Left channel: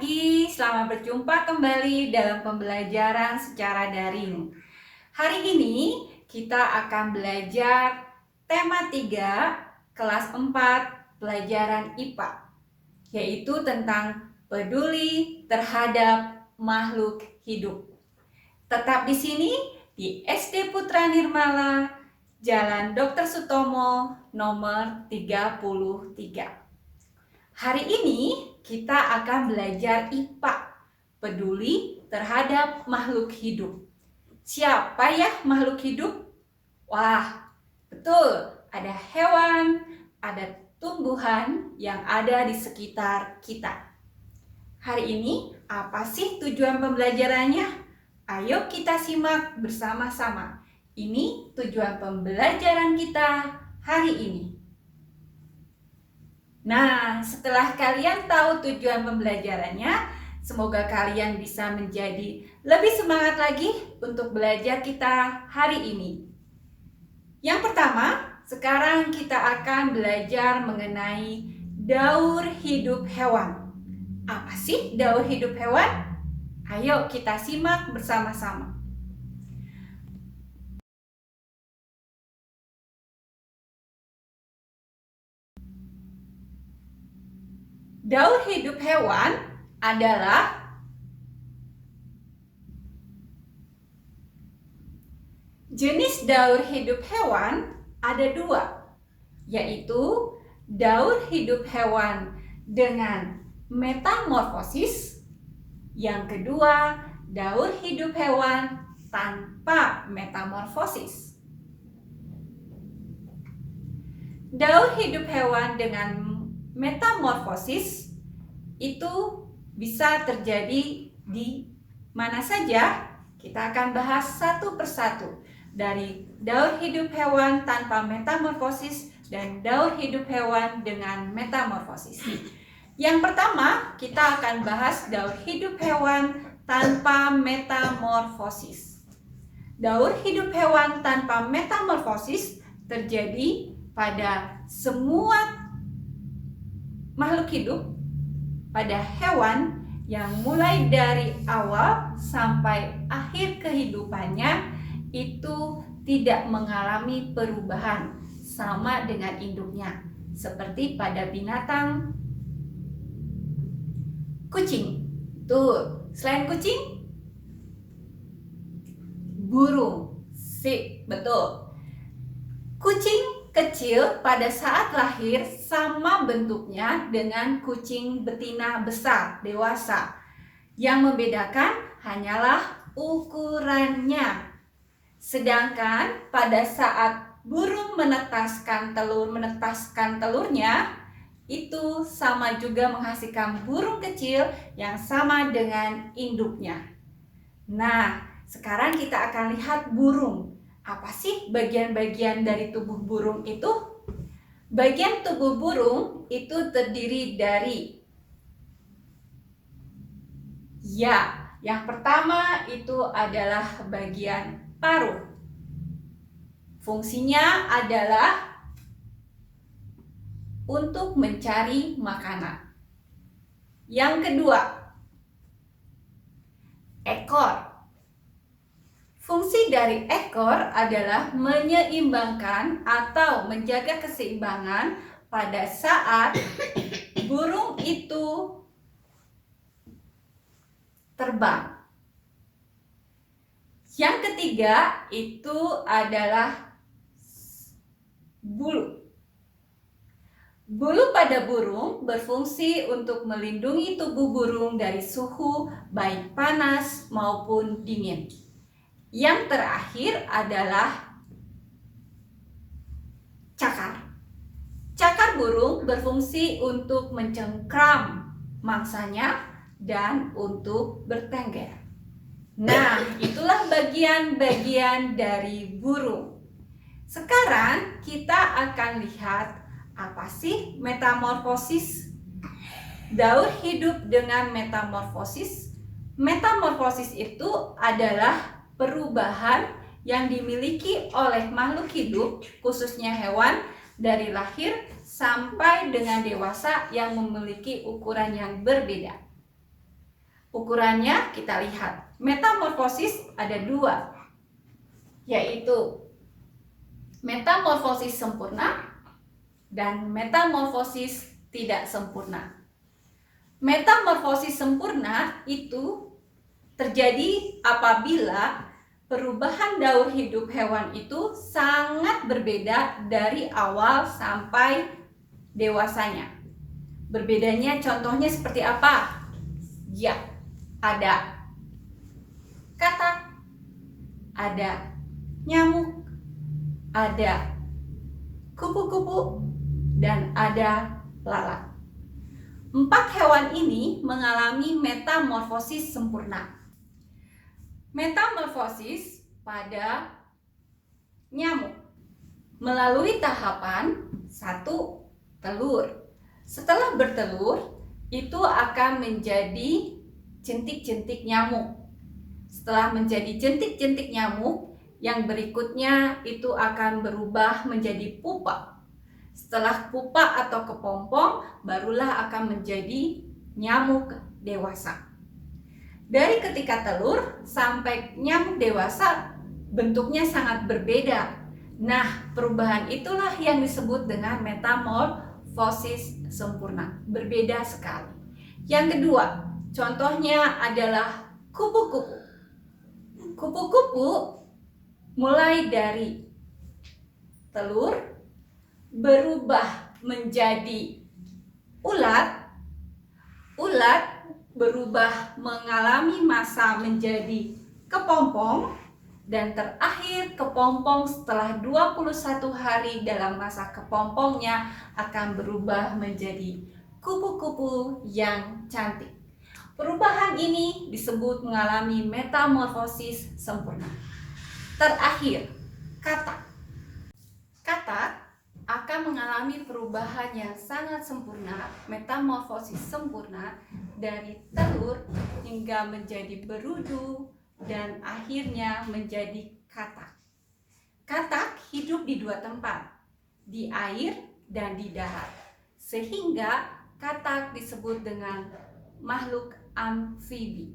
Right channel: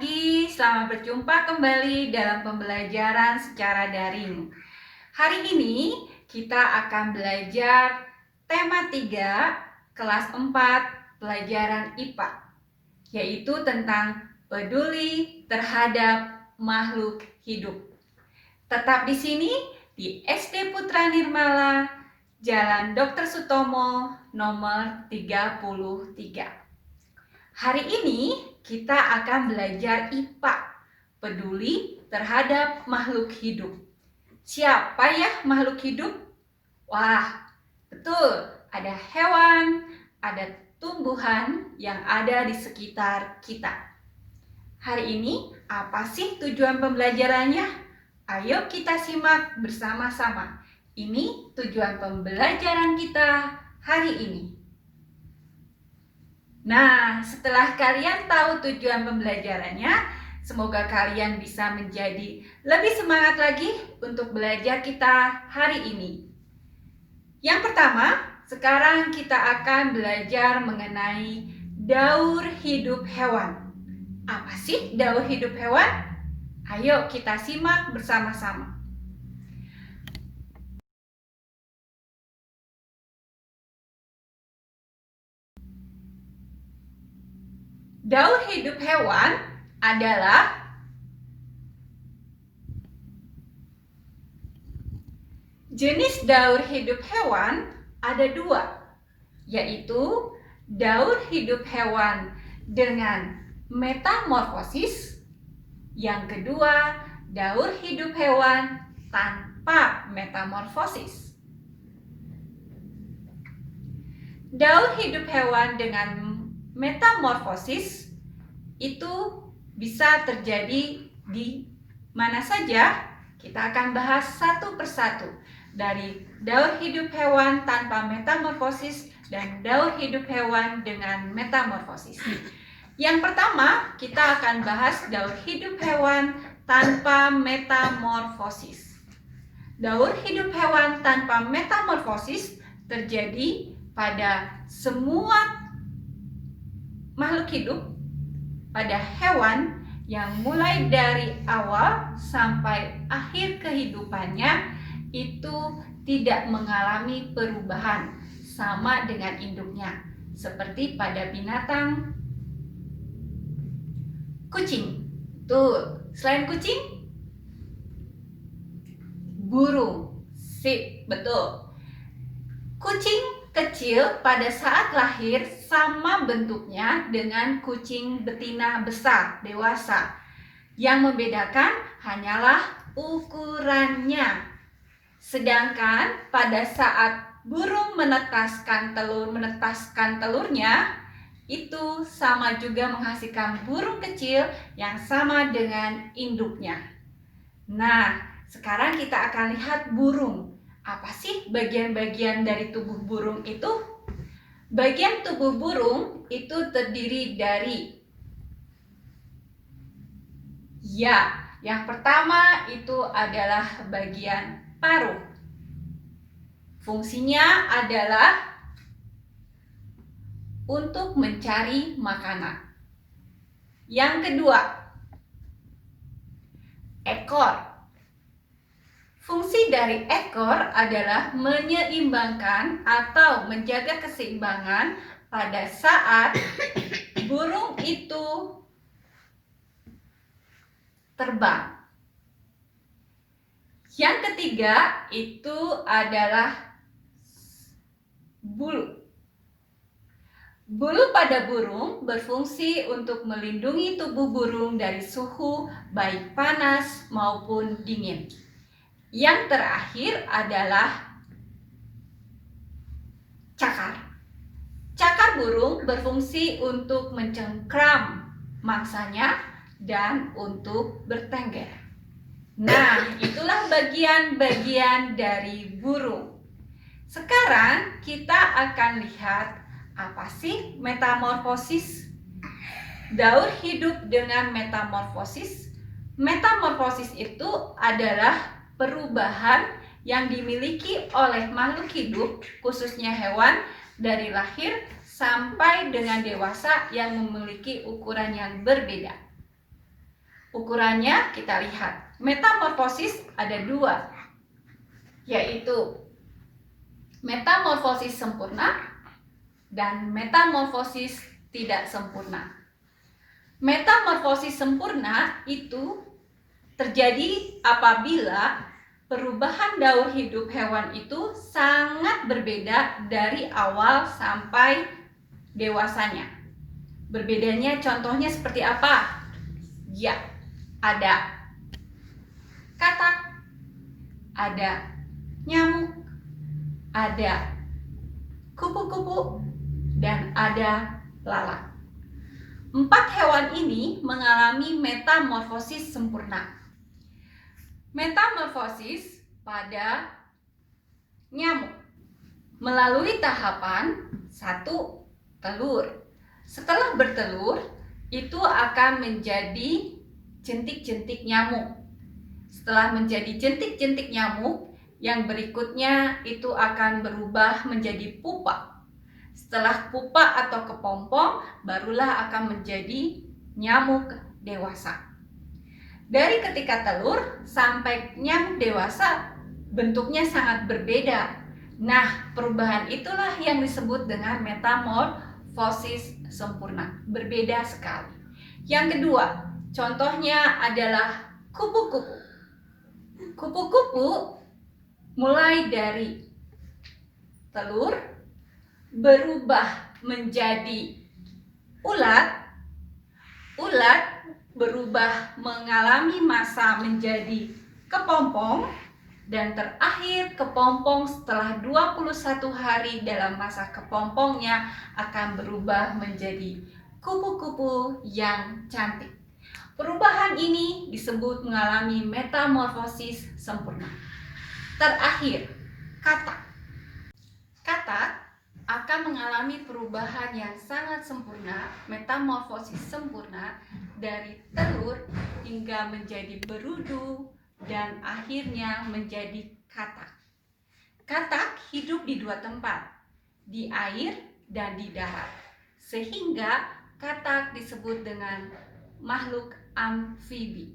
pagi, selamat berjumpa kembali dalam pembelajaran secara daring. Hari ini kita akan belajar tema 3 kelas 4 pelajaran IPA, yaitu tentang peduli terhadap makhluk hidup. Tetap di sini di SD Putra Nirmala, Jalan Dr. Sutomo, nomor 33. Hari ini kita akan belajar IPA, peduli terhadap makhluk hidup. Siapa ya makhluk hidup? Wah, betul, ada hewan, ada tumbuhan yang ada di sekitar kita. Hari ini apa sih tujuan pembelajarannya? Ayo kita simak bersama-sama. Ini tujuan pembelajaran kita hari ini. Nah, setelah kalian tahu tujuan pembelajarannya, semoga kalian bisa menjadi lebih semangat lagi untuk belajar kita hari ini. Yang pertama, sekarang kita akan belajar mengenai daur hidup hewan. Apa sih daur hidup hewan? Ayo kita simak bersama-sama. Daur hidup hewan adalah jenis daur hidup hewan ada 2, yaitu daur hidup hewan dengan metamorfosis. Yang kedua, daur hidup hewan tanpa metamorfosis. Daur hidup hewan dengan metamorfosis itu bisa terjadi di mana saja. Kita akan bahas satu persatu dari daur hidup hewan tanpa metamorfosis dan daur hidup hewan dengan metamorfosis. Yang pertama, kita akan bahas daur hidup hewan tanpa metamorfosis. Daur hidup hewan tanpa metamorfosis terjadi pada semua makhluk hidup, pada hewan yang mulai dari awal sampai akhir kehidupannya itu tidak mengalami perubahan sama dengan induknya, seperti pada binatang kucing. Tuh, selain kucing, burung. Sip, betul. Kucing kecil pada saat lahir sama bentuknya dengan kucing betina besar, dewasa. Yang membedakan hanyalah ukurannya. Sedangkan pada saat burung menetaskan telurnya, itu sama juga menghasilkan burung kecil yang sama dengan induknya. Nah, sekarang kita akan lihat burung. Apa sih bagian-bagian dari tubuh burung itu? Bagian tubuh burung itu terdiri dari, yang pertama itu adalah bagian paruh. Fungsinya adalah untuk mencari makanan. Yang kedua, ekor. Fungsi dari ekor adalah menyeimbangkan atau menjaga keseimbangan pada saat burung itu terbang. Yang ketiga itu adalah bulu. Bulu pada burung berfungsi untuk melindungi tubuh burung dari suhu baik panas maupun dingin. Yang terakhir adalah cakar. Cakar burung berfungsi untuk mencengkram mangsanya dan untuk bertengger. Nah, itulah bagian-bagian dari burung. Sekarang kita akan lihat apa sih metamorfosis? Daur hidup dengan metamorfosis. Metamorfosis itu adalah perubahan yang dimiliki oleh makhluk hidup, khususnya hewan, dari lahir sampai dengan dewasa yang memiliki ukuran yang berbeda. Ukurannya kita lihat. Metamorfosis ada dua, yaitu metamorfosis sempurna dan metamorfosis tidak sempurna. Metamorfosis sempurna itu terjadi apabila perubahan daur hidup hewan itu sangat berbeda dari awal sampai dewasanya. Berbedanya contohnya seperti apa? Ya, ada katak, ada nyamuk, ada kupu-kupu, dan ada lalat. 4 hewan ini mengalami metamorfosis sempurna. Metamorfosis pada nyamuk melalui tahapan 1. Telur. Setelah bertelur, itu akan menjadi jentik-jentik nyamuk. Setelah menjadi jentik-jentik nyamuk, yang berikutnya itu akan berubah menjadi pupa. Setelah pupa atau kepompong, barulah akan menjadi nyamuk dewasa. Dari ketika telur sampai nyamuk dewasa, bentuknya sangat berbeda. Nah, perubahan itulah yang disebut dengan metamorfosis sempurna. Berbeda sekali. Yang kedua, contohnya adalah kupu-kupu. Kupu-kupu mulai dari telur berubah menjadi ulat, ulat berubah mengalami masa menjadi kepompong, dan terakhir kepompong setelah 21 hari dalam masa kepompongnya akan berubah menjadi kupu-kupu yang cantik. Perubahan ini disebut mengalami metamorfosis sempurna. Terakhir, katak. Katak akan mengalami perubahan yang sangat sempurna, metamorfosis sempurna, dari telur hingga menjadi berudu dan akhirnya menjadi katak. Katak hidup di 2 tempat, di air dan di darat, sehingga katak disebut dengan makhluk amfibi.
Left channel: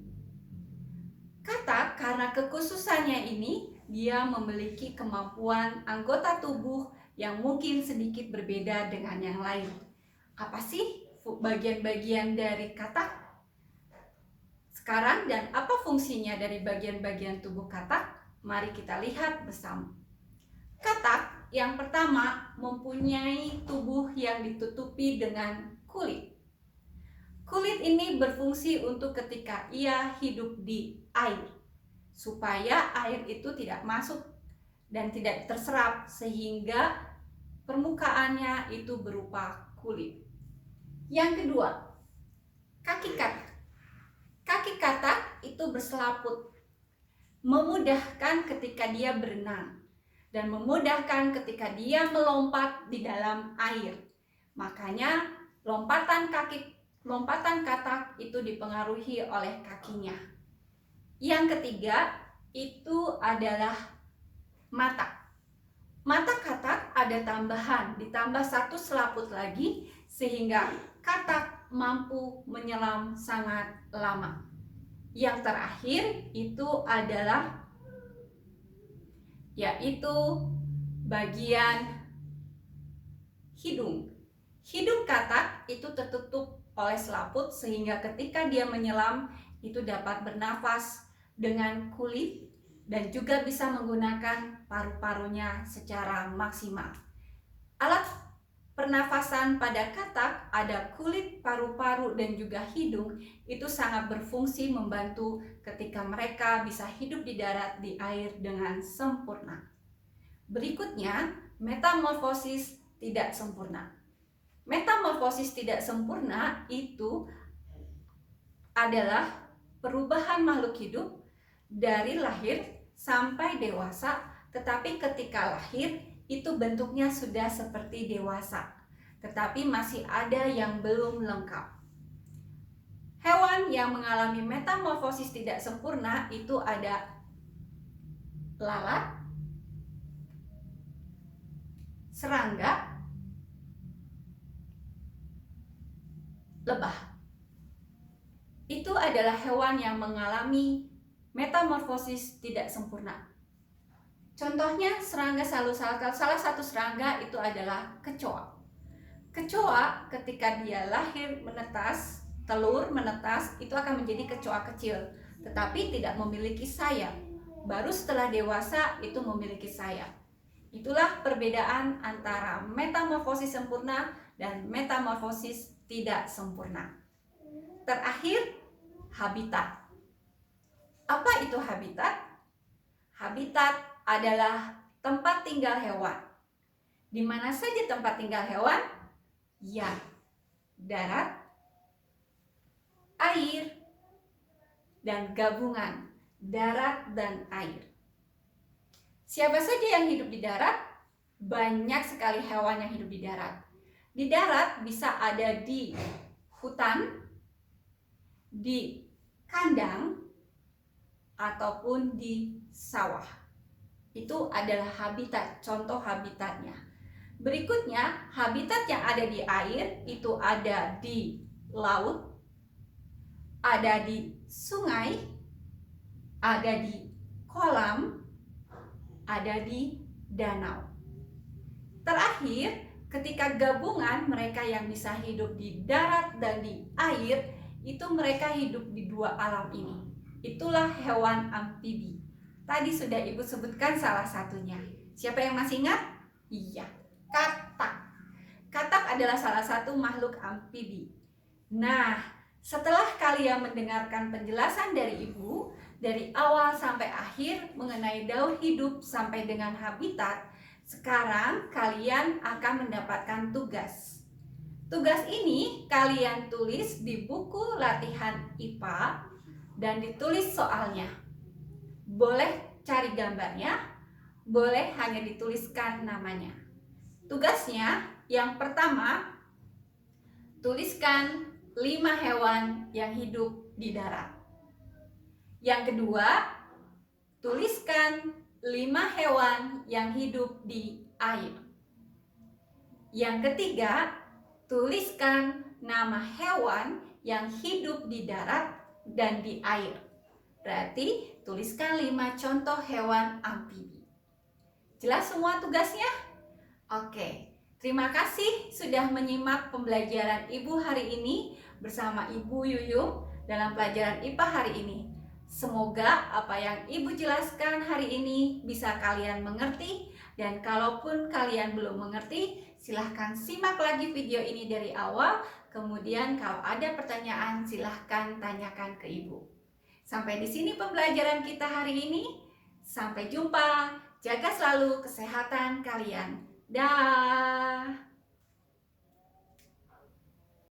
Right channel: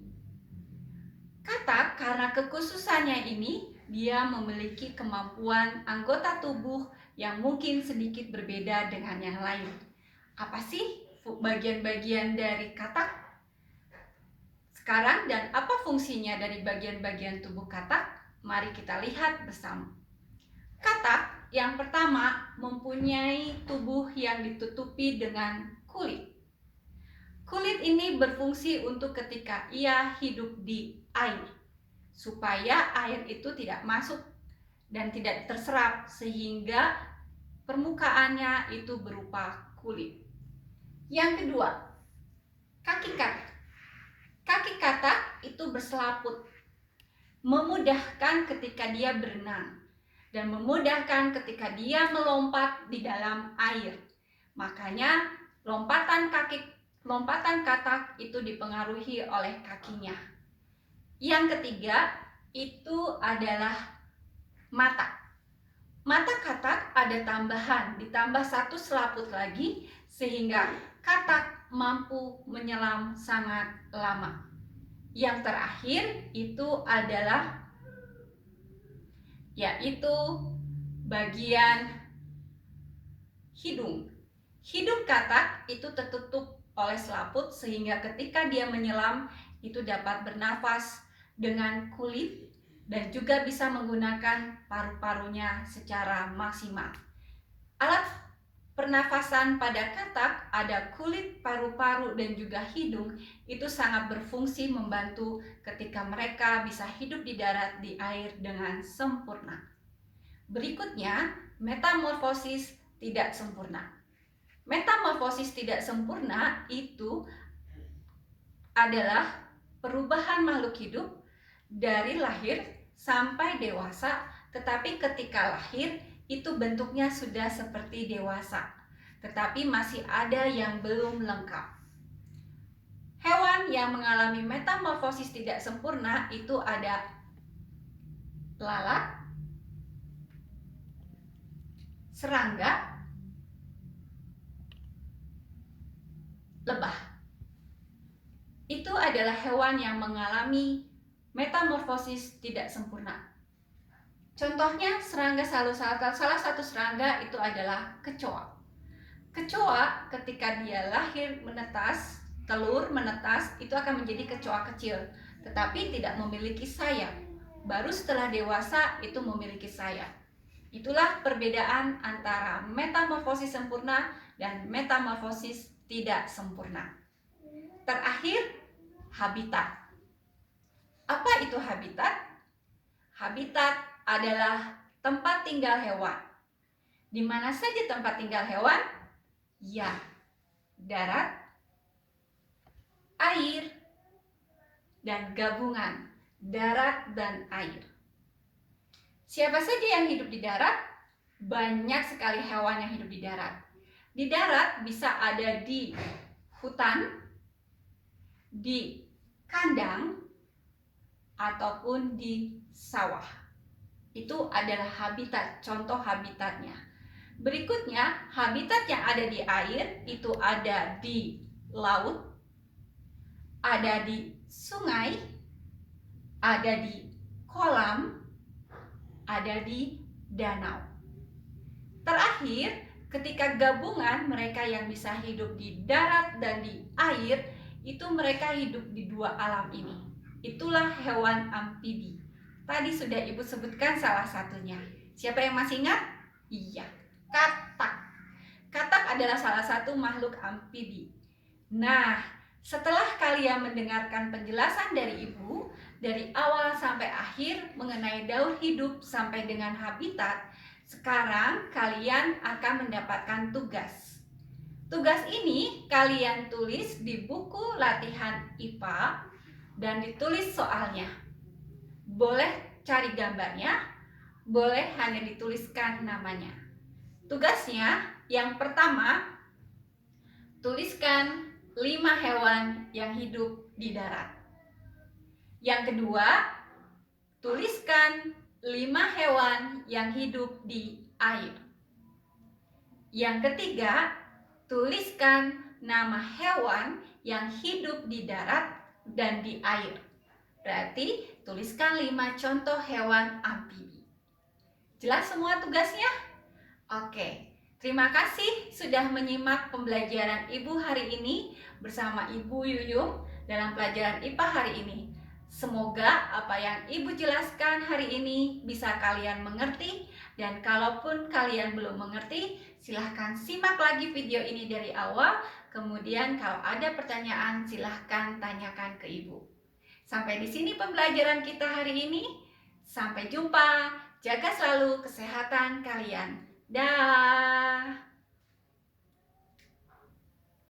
Katak karena kekhususannya ini, dia memiliki kemampuan anggota tubuh yang mungkin sedikit berbeda dengan yang lain. Apa sih bagian-bagian dari katak? Sekarang, dan apa fungsinya dari bagian-bagian tubuh katak? Mari kita lihat bersama. Katak yang pertama mempunyai tubuh yang ditutupi dengan kulit. Kulit ini berfungsi untuk ketika ia hidup di air, supaya air itu tidak masuk dan tidak terserap, sehingga permukaannya itu berupa kulit. Yang kedua, kaki katak. Kaki katak itu berselaput, memudahkan ketika dia berenang dan memudahkan ketika dia melompat di dalam air. Makanya lompatan katak itu dipengaruhi oleh kakinya. Yang ketiga itu adalah mata. Mata katak ada tambahan, ditambah 1 selaput lagi, sehingga katak mampu menyelam sangat lama. Yang terakhir itu adalah yaitu bagian hidung. Hidung katak itu tertutup oleh selaput, sehingga ketika dia menyelam itu dapat bernafas dengan kulit dan juga bisa menggunakan paru-parunya secara maksimal. Alat pernafasan pada katak ada kulit, paru-paru, dan juga hidung. Itu sangat berfungsi membantu ketika mereka bisa hidup di darat, di air dengan sempurna. Berikutnya, metamorfosis tidak sempurna. Metamorfosis tidak sempurna itu adalah perubahan makhluk hidup dari lahir sampai dewasa, tetapi ketika lahir itu bentuknya sudah seperti dewasa, tetapi masih ada yang belum lengkap. Hewan yang mengalami metamorfosis tidak sempurna itu ada lalat, serangga, lebah. itu adalah hewan yang mengalami metamorfosis tidak sempurna. Contohnya serangga salusalkal, salah satu serangga itu adalah kecoa. Kecoa ketika dia lahir menetas, telur menetas, itu akan menjadi kecoa kecil, tetapi tidak memiliki sayap. Baru setelah dewasa itu memiliki sayap. Itulah perbedaan antara metamorfosis sempurna dan metamorfosis tidak sempurna. Terakhir, habitat. Apa itu habitat? Habitat adalah tempat tinggal hewan. Di mana saja tempat tinggal hewan? Ya, darat, air, dan gabungan darat dan air. Siapa saja yang hidup di darat? Banyak sekali hewan yang hidup di darat. Di darat bisa ada di hutan, di kandang, ataupun di sawah. Itu adalah habitat, contoh habitatnya. Berikutnya, habitat yang ada di air itu ada di laut, ada di sungai, ada di kolam, ada di danau. Terakhir, ketika gabungan mereka yang bisa hidup di darat dan di air, itu mereka hidup di dua alam ini. Itulah hewan amfibi. Tadi sudah Ibu sebutkan salah satunya. Siapa yang masih ingat? Iya, katak. Katak adalah salah satu makhluk amfibi. Nah, setelah kalian mendengarkan penjelasan dari Ibu, dari awal sampai akhir mengenai daur hidup sampai dengan habitat, sekarang kalian akan mendapatkan tugas. Tugas ini kalian tulis di buku latihan IPA dan ditulis soalnya. Boleh cari gambarnya, boleh hanya dituliskan namanya. Tugasnya yang pertama, tuliskan 5 hewan yang hidup di darat. Yang kedua, tuliskan 5 hewan yang hidup di air. Yang ketiga, tuliskan nama hewan yang hidup di darat dan di air. Berarti tuliskan 5 contoh hewan amfibi. Jelas semua tugasnya? Oke, terima kasih sudah menyimak pembelajaran Ibu hari ini bersama Ibu Yuyung dalam pelajaran IPA hari ini. Semoga apa yang Ibu jelaskan hari ini bisa kalian mengerti, dan kalaupun kalian belum mengerti, silahkan simak lagi video ini dari awal. Kemudian kalau ada pertanyaan silahkan tanyakan ke Ibu. Sampai di sini pembelajaran kita hari ini. Sampai jumpa. Jaga selalu kesehatan kalian. Dah.